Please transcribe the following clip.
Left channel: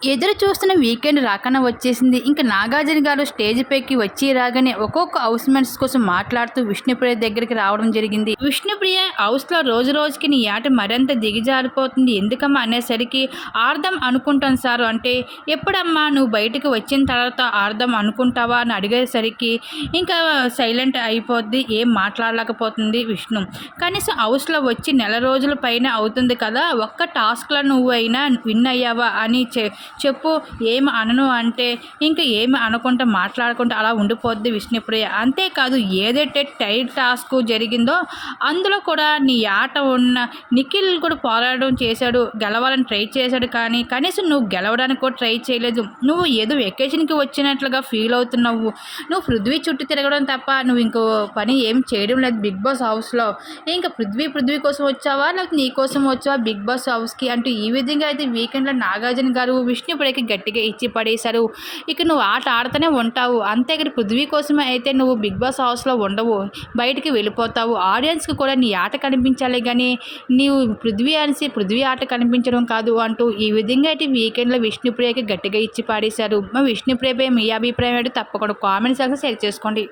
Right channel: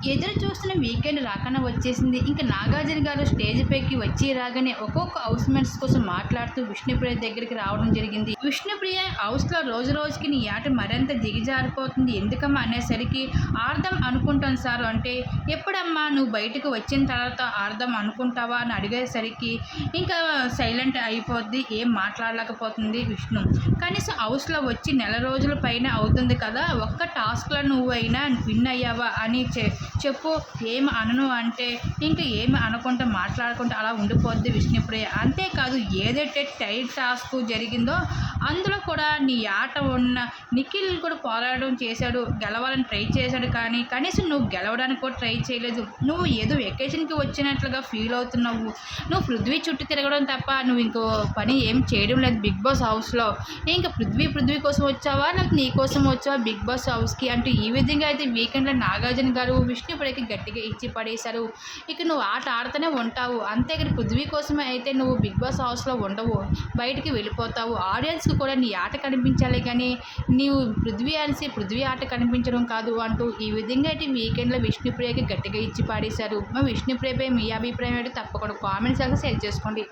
ఎదురు చూస్తున్న వీకెండ్ రాకన వచ్చేసింది. ఇంకా నాగార్జున గారు స్టేజ్ పైకి వచ్చి రాగానే ఒక్కొక్క హౌస్ మేట్స్ కోసం మాట్లాడుతూ విష్ణుప్రియ దగ్గరికి రావడం జరిగింది. విష్ణుప్రియ హౌస్లో రోజు రోజుకి నీ ఆట మరింత దిగజారిపోతుంది. ఎందుకమ్మా అనేసరికి ఆర్ధం అనుకుంటాను సార్. అంటే ఎప్పుడమ్మా నువ్వు బయటకు వచ్చిన తర్వాత ఆర్ధం అనుకుంటావా అని అడిగేసరికి ఇంకా సైలెంట్ అయిపోద్ది. ఏం మాట్లాడలేకపోతుంది విష్ణు. కనీసం హౌస్లో వచ్చి నెల రోజుల పైన అవుతుంది కదా. ఒక్క టాస్క్లో నువ్వు అయినా విన్ అయ్యావా అని చె చెప్పు ఏమి అనను అంటే ఇంకా ఏమి అనకుండా మాట్లాడుకుంటూ అలా ఉండిపోద్ది విష్ణుప్రియ అంతేకాదు ఏదైతే టైట్ టాస్క్ జరిగిందో అందులో కూడా నీ ఆట ఉన్న నిఖిల్ కూడా పోరాడడం చేశాడు గెలవాలని ట్రై చేశాడు కానీ కనీసం నువ్వు గెలవడానికి కూడా ట్రై చేయలేదు. నువ్వు ఏదో వెకేషన్కి వచ్చినట్లుగా ఫీల్ అవుతున్నావు. నువ్వు పృథ్వీ చుట్టూ తిరగడం తప్ప నువ్వు ఇంకో పని ఏం చేయడం లేదు బిగ్ బాస్ హౌస్లో. ఇంకా పృథ్వీ పృథ్వీ కోసం వచ్చావా? లేకపోతే నీ కోసం వచ్చావా బిగ్ బాస్ హౌస్కి? అంటూ ఈ విధంగా అయితే వీకెండ్లో నాగార్జున గారు విష్ణుప్రియకి గట్టిగా ఇచ్చి పడేశారు. ఇక నువ్వు ఆట ఆడుతూనే ఉంటావు. అంతే ఇక్కడ పృథ్వీ కోసమే అయితే నువ్వు బిగ్ బాస్ హౌస్లో ఉండవు. బయటికి వెళ్ళిపోతావు. ఆడియన్స్కి కూడా నీ ఆట కనిపించాలి కానీ నీవు పృథ్వీ అనేసి పృథ్వీ ఆట కనిపించడం కాదు అంటూ ఈ విధంగా అయితే వీకెండ్లో విష్ణుప్రియకి గట్టిగా ఇచ్చి పాడేశారు. మా విష్ణుప్రియపై మీ అభిప్రాయం అయితే తప్పకుండా కామెంట్ సెక్షన్ షేర్ చేసుకోండి.